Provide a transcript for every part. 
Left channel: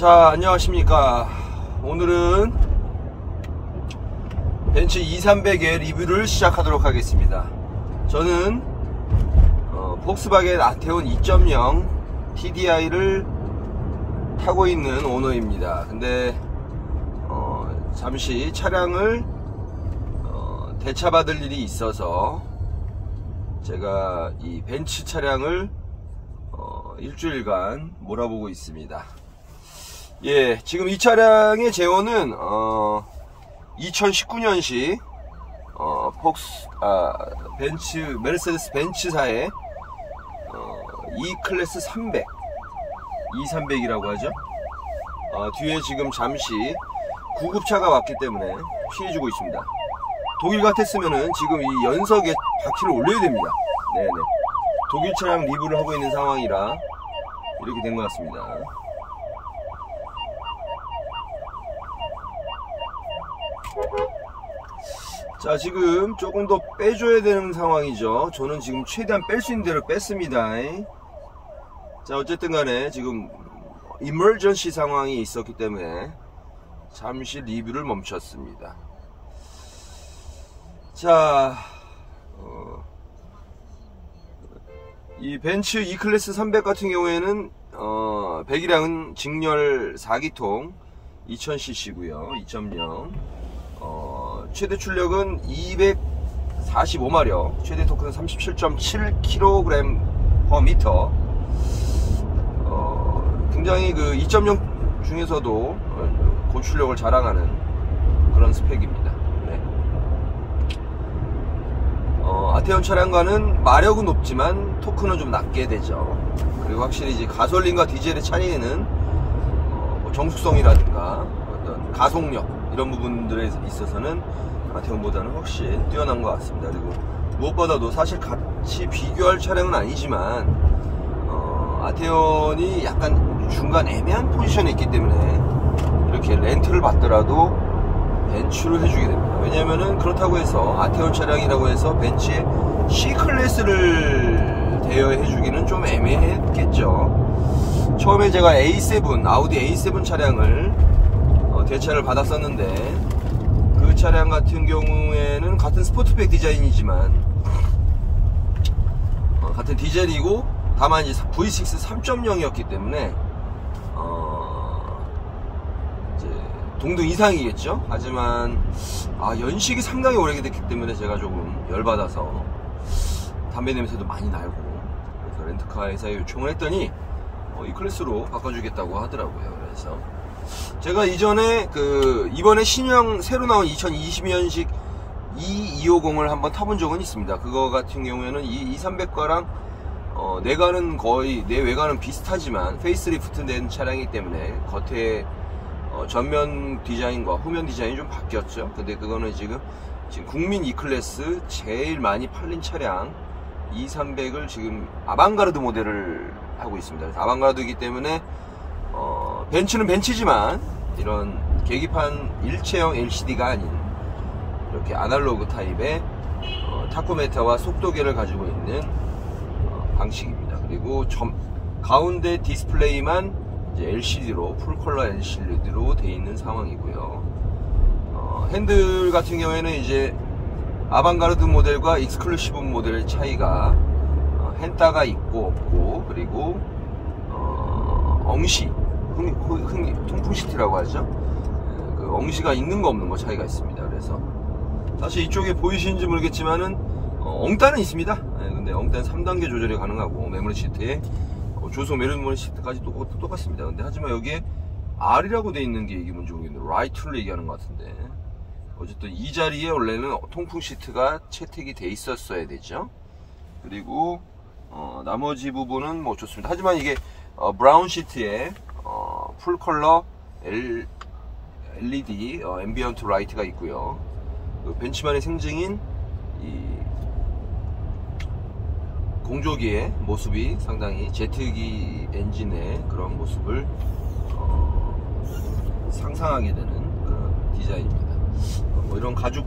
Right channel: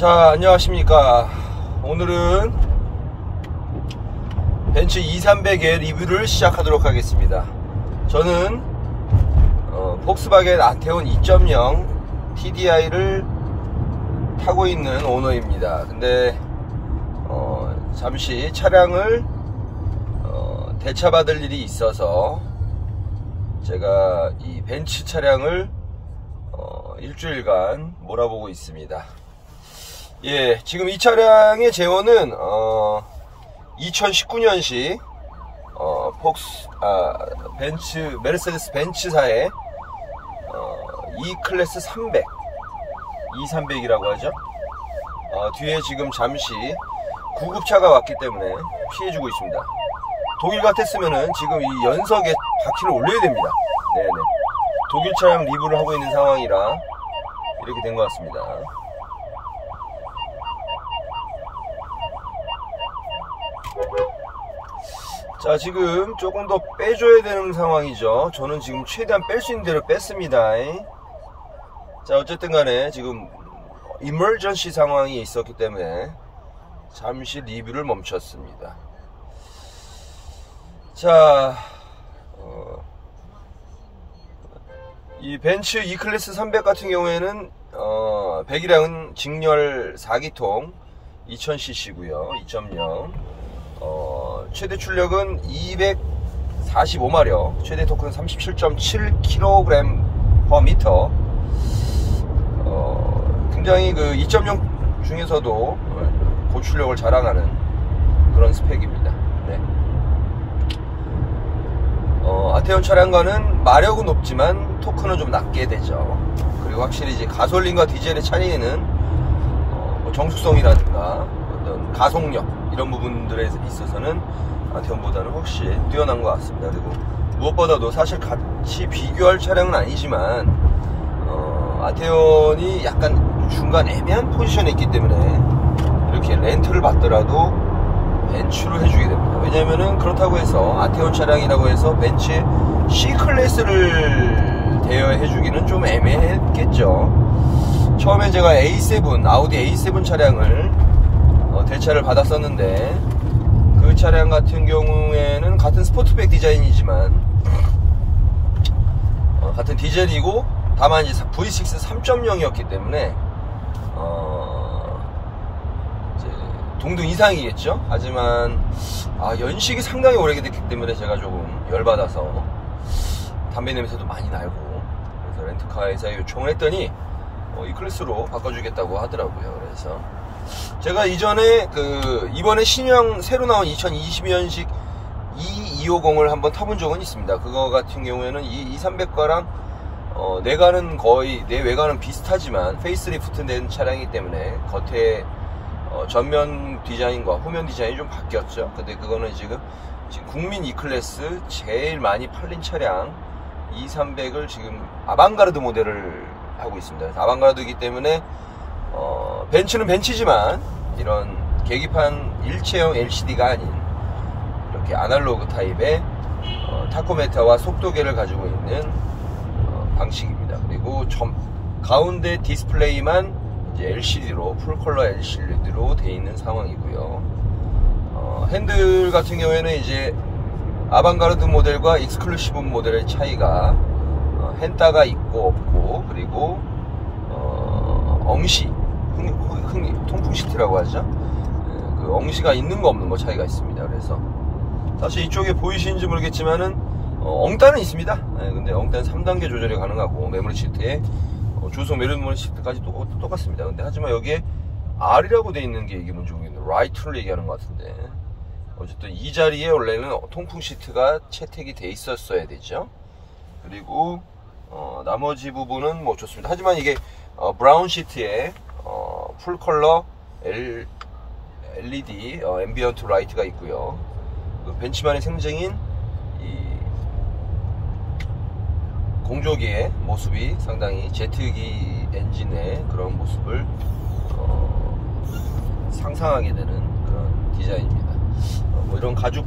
자, 안녕하십니까. 오늘은 벤츠 2300의 리뷰를 시작하도록 하겠습니다. 저는 폭스바겐 아테온 2.0 TDI를 타고 있는 오너입니다. 근데 잠시 차량을 대차받을 일이 있어서 제가 이 벤츠 차량을 일주일간 몰아보고 있습니다. 예, 지금 이 차량의 제원은 2019년식 벤츠 메르세데스 벤츠사의 E클래스 300 E300이라고 하죠. 뒤에 지금 잠시 구급차가 왔기 때문에 피해주고 있습니다. 독일 같았으면은 지금 이 연석에 바퀴를 올려야 됩니다. 네네. 독일 차량 리뷰를 하고 있는 상황이라 이렇게 된 것 같습니다. 자, 지금 조금 더 빼줘야 되는 상황이죠. 저는 지금 최대한 뺄 수 있는 대로 뺐습니다. 자, 어쨌든 간에 지금 이머전시 상황이 있었기 때문에 잠시 리뷰를 멈췄습니다. 자, 이 벤츠 E클래스 300 같은 경우에는 배기량은 직렬 4기통 2000cc고요 2.0 최대 출력은 245마력, 최대 토크는 37.7kg/m. 굉장히 그 2.0 중에서도 고출력을 자랑하는 그런 스펙입니다. 네. 아테온 차량과는 마력은 높지만 토크는 좀 낮게 되죠. 그리고 확실히 이제 가솔린과 디젤의 차이는 정숙성이라든가 어떤 가속력 이런 부분들에 있어서는 아테온보다는 훨씬 뛰어난 것 같습니다. 그리고 무엇보다도 사실 같이 비교할 차량은 아니지만 아테온이 약간 중간 애매한 포지션에 있기 때문에 이렇게 렌트를 받더라도 벤츠로 해주게 됩니다. 왜냐면은 그렇다고 해서 아테온 차량이라고 해서 벤츠의 C클래스를 대여해주기는 좀 애매했겠죠. 처음에 제가 A7 아우디 A7 차량을 대차를 받았었는데 그 차량 같은 경우에는 같은 스포츠백 디자인이지만 같은 디젤이고 다만 이제 V6 3.0이었기 때문에 이제 동등 이상이겠죠. 하지만 연식이 상당히 오래됐기 때문에 제가 조금 열받아서 담배 냄새도 많이 날고 그래서 렌트카 회사에 요청을 했더니 이 클래스로 바꿔주겠다고 하더라고요. 그래서 제가 이전에 이번에 신형 새로 나온 2020년식 E250을 한번 타본 적은 있습니다. 그거 같은 경우에는 이 300과랑 내관은 거의 내 외관은 비슷하지만 페이스리프트 된 차량이기 때문에 겉에 전면 디자인과 후면 디자인이 좀 바뀌었죠. 근데 그거는 지금 국민 E클래스 제일 많이 팔린 차량 E300을 지금 아방가르드 모델을 하고 있습니다. 아방가르드이기 때문에 벤츠는 벤츠지만 이런 계기판 일체형 LCD가 아닌 이렇게 아날로그 타입의 타코메타와 속도계를 가지고 있는 방식입니다. 그리고 가운데 디스플레이만 이제 LCD로 풀컬러 LCD로 되어 있는 상황이고요. 핸들 같은 경우에는 이제 아방가르드 모델과 익스클루시브 모델의 차이가 헨따가 있고 없고, 그리고 엉시 통풍 시트라고 하죠. 그 엉시가 있는 거 없는 거 차이가 있습니다. 그래서 사실 이쪽에 보이시는지 모르겠지만은 엉따는 있습니다. 근데 엉따는 3단계 조절이 가능하고 메모리 시트에 조속 메모리 시트까지 똑같습니다. 근데 하지만 여기에 R이라고 되어 있는 게 이게 뭔지 모르겠는데 라이트를 얘기하는 것 같은데, 어쨌든 이 자리에 원래는 통풍 시트가 채택이 돼 있었어야 되죠. 그리고 나머지 부분은 뭐 좋습니다. 하지만 이게 브라운 시트에 풀컬러 LED 앰비언트 라이트가 있고요. 그 벤츠만의 생증인 이 공조기의 모습이 상당히 제트기 엔진의 그런 모습을 상상하게 되는 그런 디자인입니다. 뭐 이런 가죽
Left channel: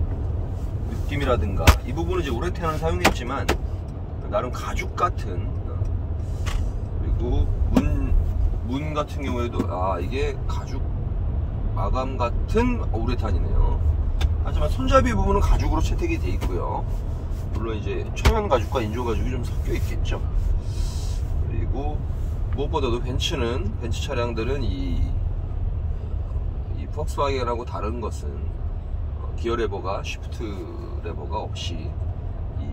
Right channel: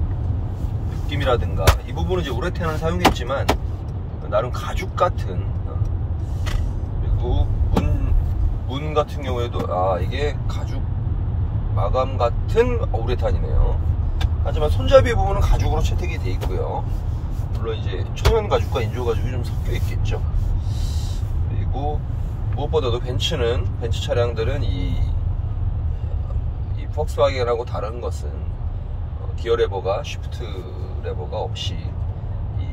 느낌이라든가 이 부분은 이제 우레탄을 사용했지만 나름 가죽 같은, 그리고 문 같은 경우에도 이게 가죽 마감 같은 우레탄이네요. 하지만 손잡이 부분은 가죽으로 채택이 돼 있고요. 물론 이제 천연 가죽과 인조 가죽이 좀 섞여 있겠죠. 그리고 무엇보다도 벤츠 차량들은 이 폭스바겐하고 다른 것은 기어 레버가 쉬프트 레버가 없이 이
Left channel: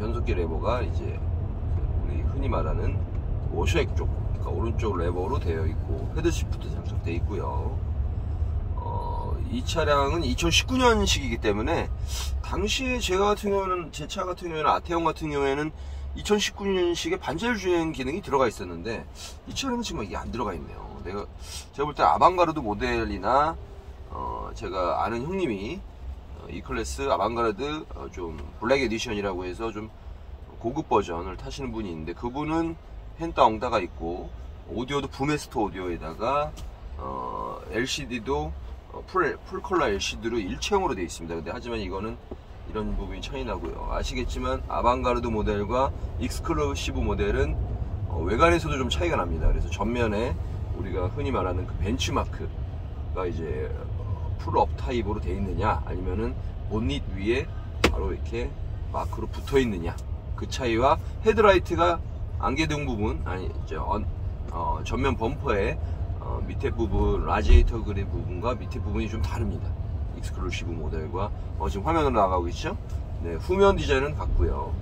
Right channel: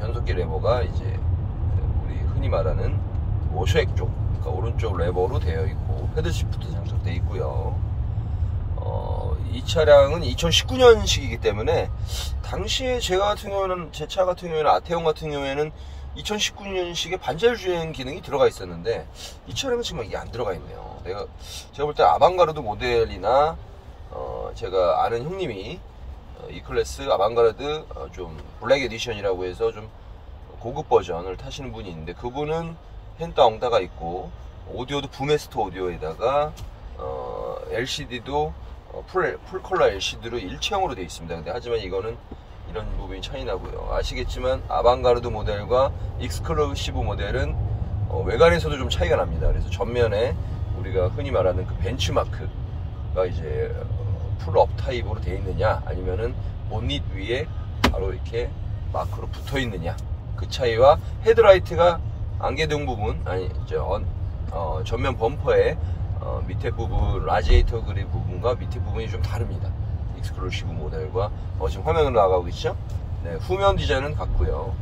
변속기 레버가 이제 우리 흔히 말하는 워셔액 쪽, 그러니까 오른쪽 레버로 되어 있고 헤드 쉬프트 장착되어 있고요. 이 차량은 2019년식이기 때문에 당시에 제 차 같은 경우에는 아테온 같은 경우에는 2019년식에 반자율 주행 기능이 들어가 있었는데 이 차량은 지금 이게 안 들어가 있네요. 제가 볼 때 아방가르드 모델이나 제가 아는 형님이 E클래스 아방가르드 좀 블랙 에디션이라고 해서 좀 고급 버전을 타시는 분이 있는데 그분은 헨따 엉따가 있고 오디오도 부메스터 오디오에다가 LCD도 풀 컬러 LCD로 일체형으로 되어 있습니다. 근데 하지만 이거는 이런 부분이 차이 나고요. 아시겠지만 아방가르드 모델과 익스클루시브 모델은 외관에서도 좀 차이가 납니다. 그래서 전면에 우리가 흔히 말하는 그 벤치마크가 이제 풀업 타입으로 되어 있느냐 아니면은 본닛 위에 바로 이렇게 마크로 붙어 있느냐 그 차이와 헤드라이트가 안개등 부분 전면 범퍼의 밑에 부분 라지에이터 그립 부분과 밑에 부분이 좀 다릅니다. 익스클루시브 모델과 지금 화면으로 나가고 있죠. 네, 후면 디자인은 같고요.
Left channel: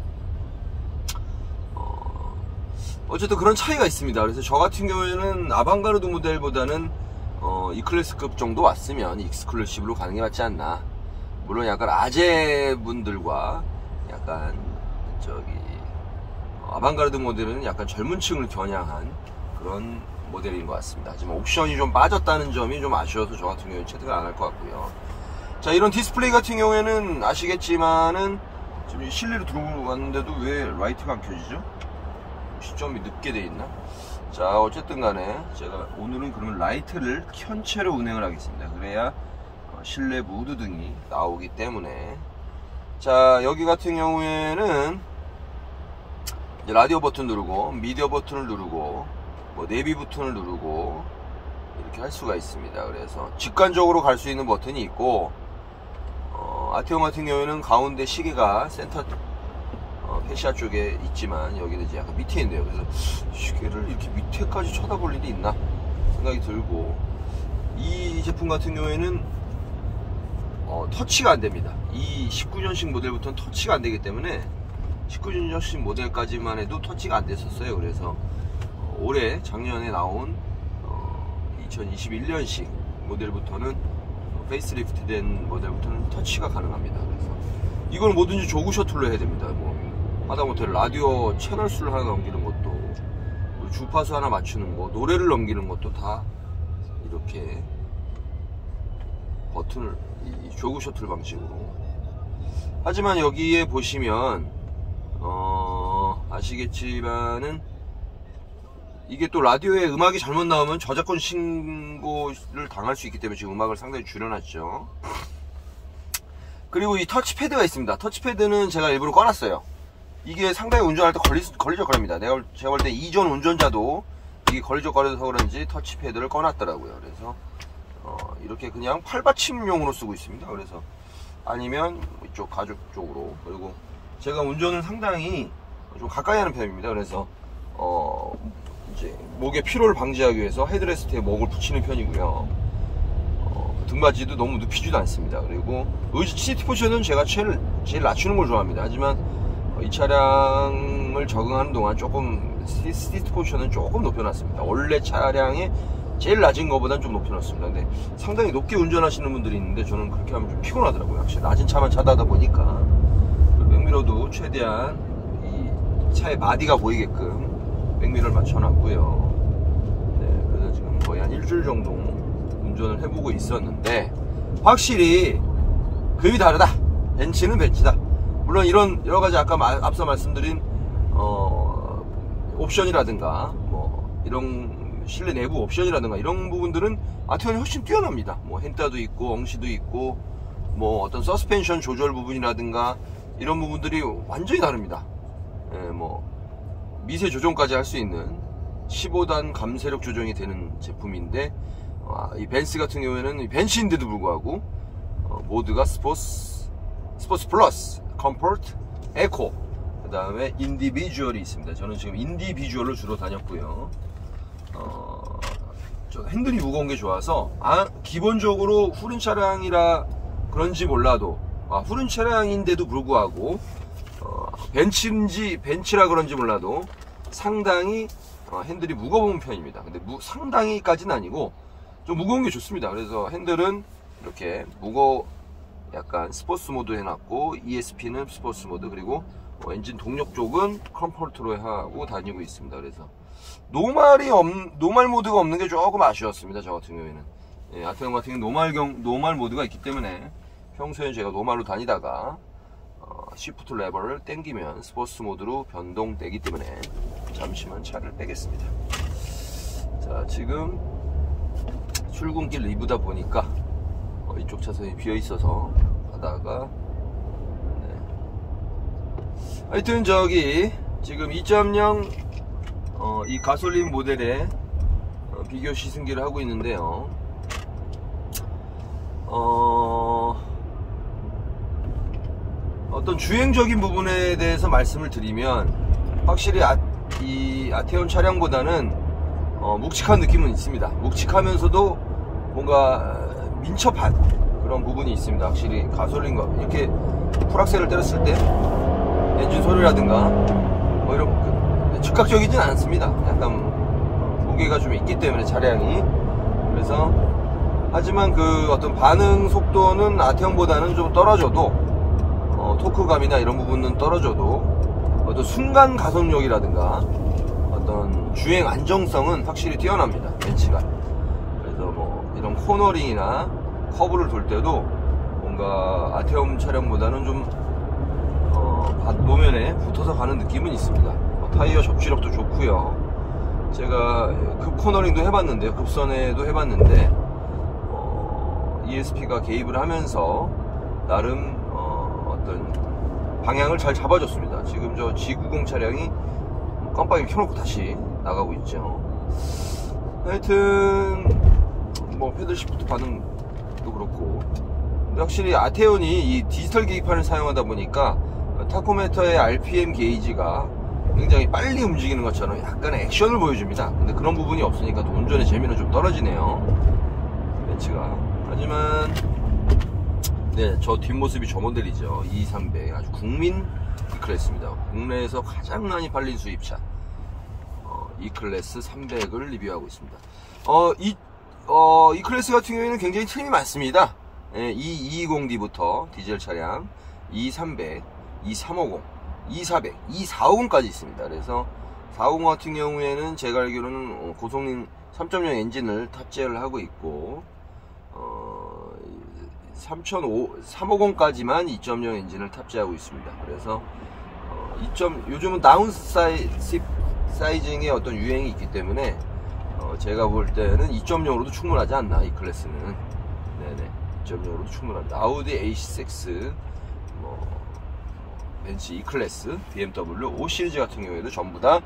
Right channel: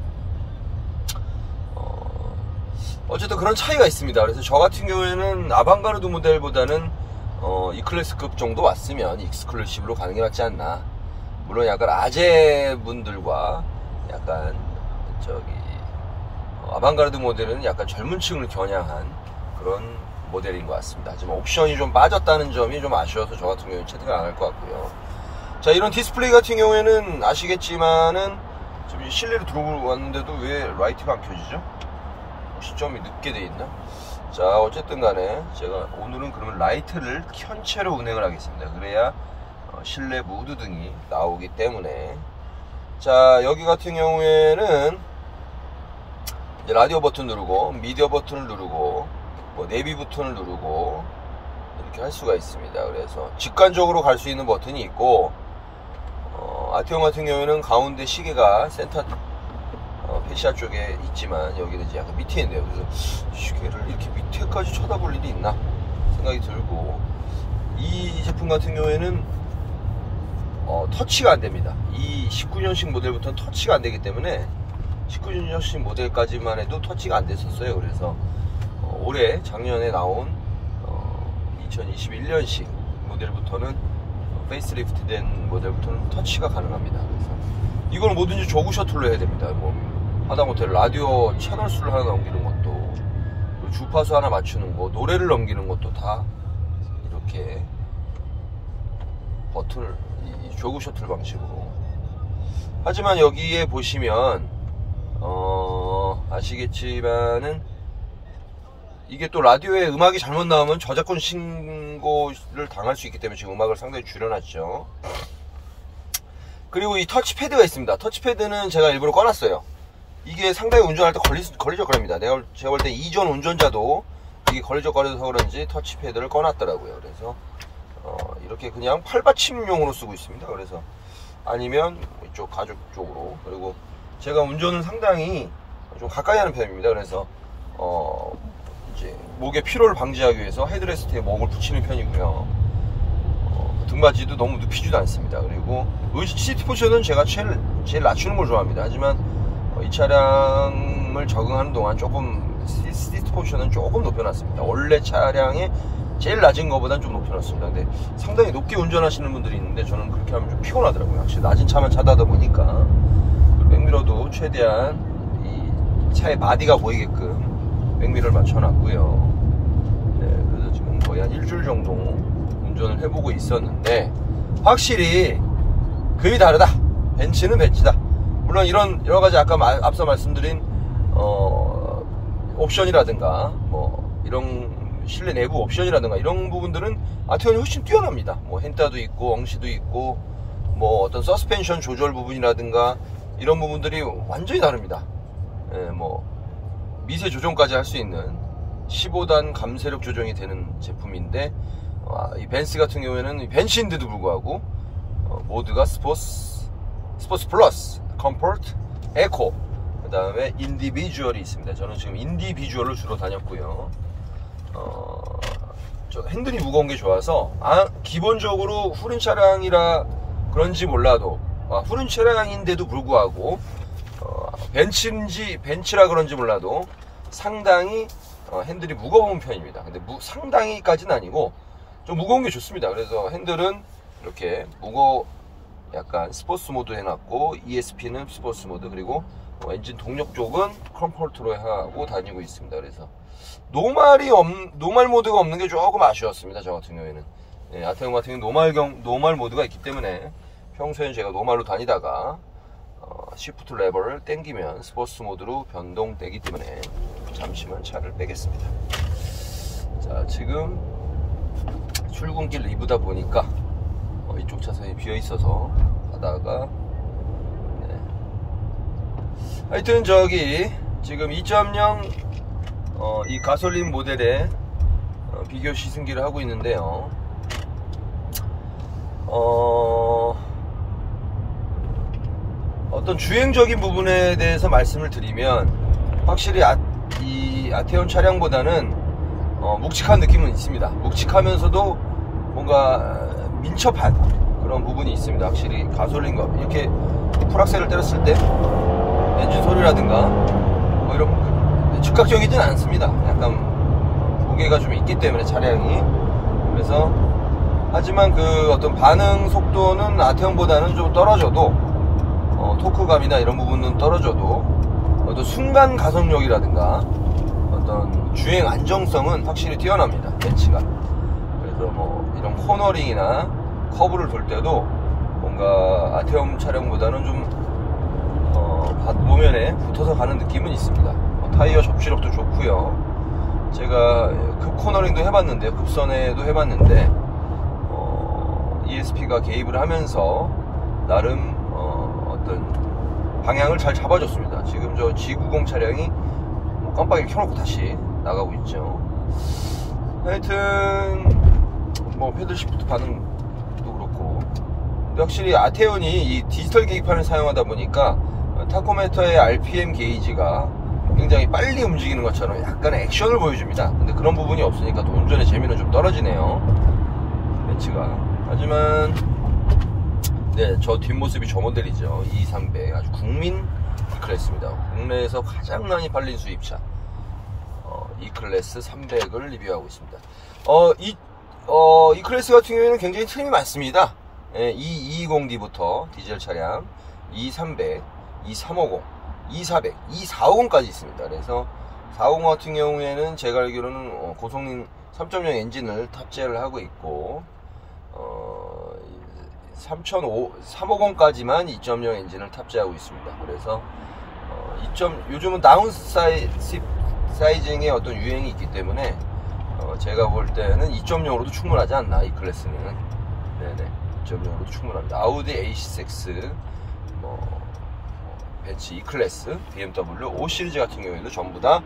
어쨌든 그런 차이가 있습니다. 그래서 저 같은 경우에는 아방가르드 모델보다는 E클래스급 정도 왔으면 익스클루시브로 가는 게 맞지 않나. 물론 약간 아재 분들과 약간 아방가르드 모델은 약간 젊은 층을 겨냥한 그런 모델인 것 같습니다. 하지만 옵션이 좀 빠졌다는 점이 좀 아쉬워서 저 같은 경우에 채택을 안 할 것 같고요. 자, 이런 디스플레이 같은 경우에는 아시겠지만은 지금 실내로 들어왔는데도 왜 라이트가 안 켜지죠? 시점이 늦게 돼 있나? 자, 어쨌든 간에 제가 오늘은 그러면 라이트를 켠 채로 운행을 하겠습니다. 그래야 실내 무드 등이 나오기 때문에. 자, 여기 같은 경우에는 이제 라디오 버튼 누르고 미디어 버튼을 누르고 내비 버튼을 누르고 이렇게 할 수가 있습니다. 그래서 직관적으로 갈 수 있는 버튼이 있고 아티온 같은 경우에는 가운데 시계가 센터 페시아 쪽에 있지만 여기는 이제 약간 밑에 있는데요. 그래서 시계를 이렇게 밑에까지 쳐다볼 일이 있나 생각이 들고, 이 제품 같은 경우에는 터치가 안 됩니다. 이 19년식 모델부터는 터치가 안 되기 때문에 19년식 모델까지만 해도 터치가 안 됐었어요. 그래서 올해 작년에 나온 2021년식 모델부터는 페이스리프트 된 모델부터는 터치가 가능합니다. 그래서 이거는 뭐든지 조그 셔틀로 해야 됩니다. 하다못해 라디오 채널 수를 하나 넘기는 것도, 그리고 주파수 하나 맞추는 거, 노래를 넘기는 것도 다 이렇게 버튼을 이 조그 셔틀 방식으로. 하지만 여기에 보시면 아시겠지만은 이게 또 라디오에 음악이 잘못 나오면 저작권 신고를 당할 수 있기 때문에 지금 음악을 상당히 줄여놨죠. 그리고 이 터치패드가 있습니다. 터치패드는 제가 일부러 꺼놨어요. 이게 상당히 운전할 때 걸리적거립니다. 제가 볼 때 이전 운전자도 이게 걸리적거려서 그런지 터치패드를 꺼놨더라고요. 그래서 이렇게 그냥 팔받침용으로 쓰고 있습니다. 그래서 아니면 이쪽 가죽 쪽으로. 그리고 제가 운전은 상당히 좀 가까이 하는 편입니다. 그래서 이제 목의 피로를 방지하기 위해서 헤드레스트에 목을 붙이는 편이고요. 등받이도 너무 눕히지도 않습니다. 그리고 시트 포지션은 제가 제일 낮추는 걸 좋아합니다. 하지만 이 차량을 적응하는 동안 조금 시트 포지션은 조금 높여놨습니다. 원래 차량의 제일 낮은 것보다는 좀 높여놨습니다. 근데 상당히 높게 운전하시는 분들이 있는데 저는 그렇게 하면 좀 피곤하더라고요. 확실히 낮은 차만 자다다 보니까. 그리고 백미러도 최대한 이 차의 바디가 보이게끔 백미러를 맞춰놨고요. 네, 그래서 지금 거의 한 일주일 정도 운전을 해보고 있었는데 확실히 급이 다르다. 벤츠는 벤츠다. 물론 이런 여러가지 아까 앞서 말씀드린 옵션이라든가 이런 실내 내부 옵션이라든가 이런 부분들은 아티온이 훨씬 뛰어납니다. 헨따도 있고 엉시도 있고 어떤 서스펜션 조절 부분이라든가 이런 부분들이 완전히 다릅니다. 예, 미세 조정까지 할 수 있는 15단 감쇄력 조정이 되는 제품인데, 이 벤츠 같은 경우에는 이 벤츠인데도 불구하고 모드가 스포츠 플러스, 컴포트, 에코, 그 다음에 인디비주얼이 있습니다. 저는 지금 인디비주얼로 주로 다녔고요. 저 핸들이 무거운 게 좋아서, 기본적으로 후륜 차량이라 그런지 몰라도, 후륜 차량인데도 불구하고 벤츠라 그런지 몰라도 상당히 핸들이 무거운 편입니다. 근데 상당히까지는 아니고 좀 무거운 게 좋습니다. 그래서 핸들은 이렇게 약간 스포츠 모드 해놨고, ESP는 스포츠 모드, 그리고 엔진 동력 쪽은 컴포트로 하고 다니고 있습니다. 그래서 노말 모드가 없는 게 조금 아쉬웠습니다. 저 같은 경우에는. 아테온 같은 경우는 노말 모드가 있기 때문에 평소에는 제가 노말로 다니다가 시프트 레버를 당기면 스포츠 모드로 변동되기 때문에 잠시만 차를 빼겠습니다. 자, 지금 출근길 리브다 보니까 이쪽 차선이 비어 있어서 가다가, 하여튼 저기 지금 2.0 이 가솔린 모델의 비교 시승기를 하고 있는데요. 어떤 주행적인 부분에 대해서 말씀을 드리면, 확실히 이 아테온 차량보다는 묵직한 느낌은 있습니다. 묵직하면서도 뭔가 민첩한 그런 부분이 있습니다. 확실히 가솔린과 이렇게 풀악셀을 때렸을 때 엔진 소리라든가 뭐 이런 즉각적이진 않습니다. 약간 무게가 좀 있기 때문에 차량이. 그래서 하지만 그 어떤 반응 속도는 아테온보다는 좀 떨어져도, 토크감이나 이런 부분은 떨어져도 어떤 순간 가속력이라든가 어떤 주행 안정성은 확실히 뛰어납니다, 벤츠가. 그래서 뭐 이런 코너링이나 커브를 돌 때도 뭔가 아테온 차량보다는 좀 노면에 붙어서 가는 느낌은 있습니다. 타이어 접시력도 좋고요. 제가 급 코너링도 해봤는데, 급선에도 해봤는데, ESP가 개입을 하면서 나름 어떤 방향을 잘 잡아줬습니다. 지금 저 G90 차량이 깜빡이를 켜놓고 다시 나가고 있죠. 하여튼 뭐 패들 시프트 반응도 그렇고, 근데 확실히 아테온이 이 디지털 계기판을 사용하다 보니까 타코미터의 RPM 게이지가 굉장히 빨리 움직이는 것처럼 약간의 액션을 보여줍니다. 근데 그런 부분이 없으니까 또 운전의 재미는 좀 떨어지네요, 벤츠가. 하지만 저 뒷모습이 저 모델이죠. E300, 아주 국민 E클래스입니다. 국내에서 가장 많이 팔린 수입차 E클래스 300을 리뷰하고 있습니다. E클래스 같은 경우에는 굉장히 트림이 많습니다. E220D부터 디젤 차량 E300, E350, E400, E450까지 있습니다. 그래서 450 같은 경우에는 제가 알기로는 고성능 3.0 엔진을 탑재를 하고 있고, 350까지만 2.0 엔진을 탑재하고 있습니다. 그래서 요즘은 다운 사이징의 어떤 유행이 있기 때문에 제가 볼 때는 2.0으로도 충분하지 않나, 이 클래스는. 네네, 2.0으로도 충분합니다. 아우디 A6, 벤츠 E클래스, BMW 5 시리즈 같은 경우에도 전부 다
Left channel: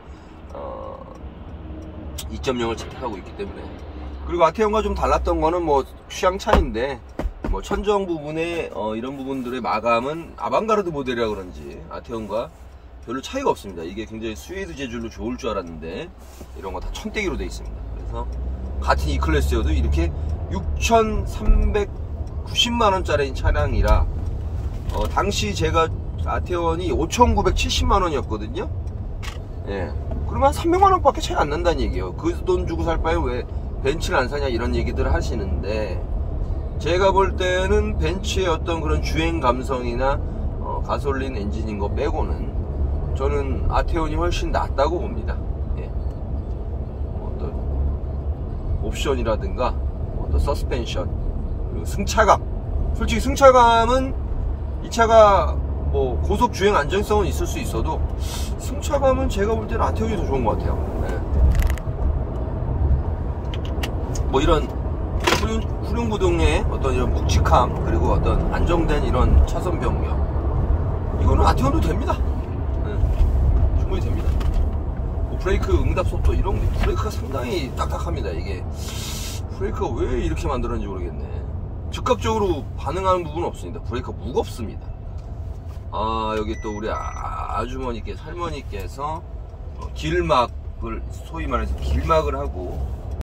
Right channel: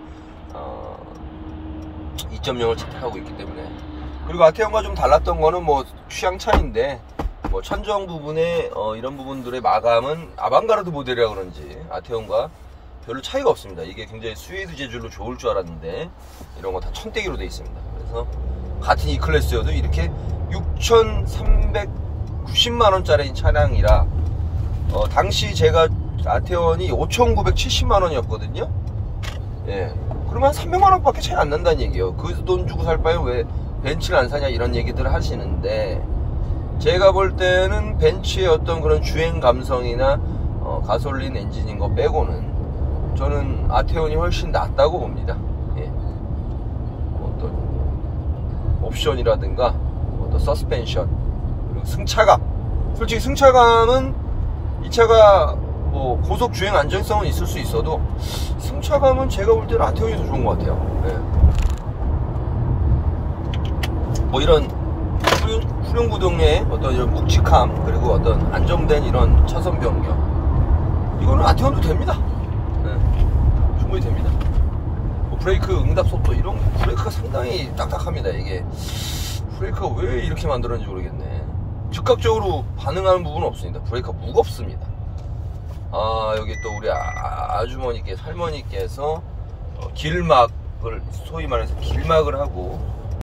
2.0을 채택하고 있기 때문에. 그리고 아테온과 좀 달랐던 거는 뭐 취향 차이인데, 뭐 천정 부분에 이런 부분들의 마감은 아방가르드 모델이라 그런지 아테온과 별로 차이가 없습니다. 이게 굉장히 스웨이드 재질로 좋을 줄 알았는데 이런 거 다 천대기로 돼 있습니다. 그래서 같은 이 클래스여도 이렇게 6,390만원짜리 차량이라, 당시 제가 아테온이 5,970만원이었거든요 예, 그러면 한 300만원 밖에 차이 안 난다는 얘기예요. 그 돈 주고 살 바에 왜 벤츠를 안 사냐, 이런 얘기들을 하시는데, 제가 볼 때는 벤츠의 어떤 그런 주행 감성이나 가솔린 엔진인 거 빼고는 저는 아테온이 훨씬 낫다고 봅니다. 예. 어떤 옵션이라든가 어떤 서스펜션, 그리고 승차감, 솔직히 승차감은 이 차가 뭐 고속 주행 안정성은 있을 수 있어도 승차감은 제가 볼 때는 아테온이 더 좋은 것 같아요. 예. 뭐 이런 후륜구동의 어떤 이런 묵직함, 그리고 어떤 안정된 이런 차선 변경, 이거는 아테온도 됩니다. 네, 충분히 됩니다. 뭐 브레이크 응답 속도 이런 브레이크가 상당히 딱딱합니다. 이게 브레이크가 왜 이렇게 만들었는지 모르겠네. 즉각적으로 반응하는 부분은 없습니다. 브레이크가 무겁습니다. 여기 또 우리 아주머니께서 할머니께서 길막을 소위 말해서 길막을 하고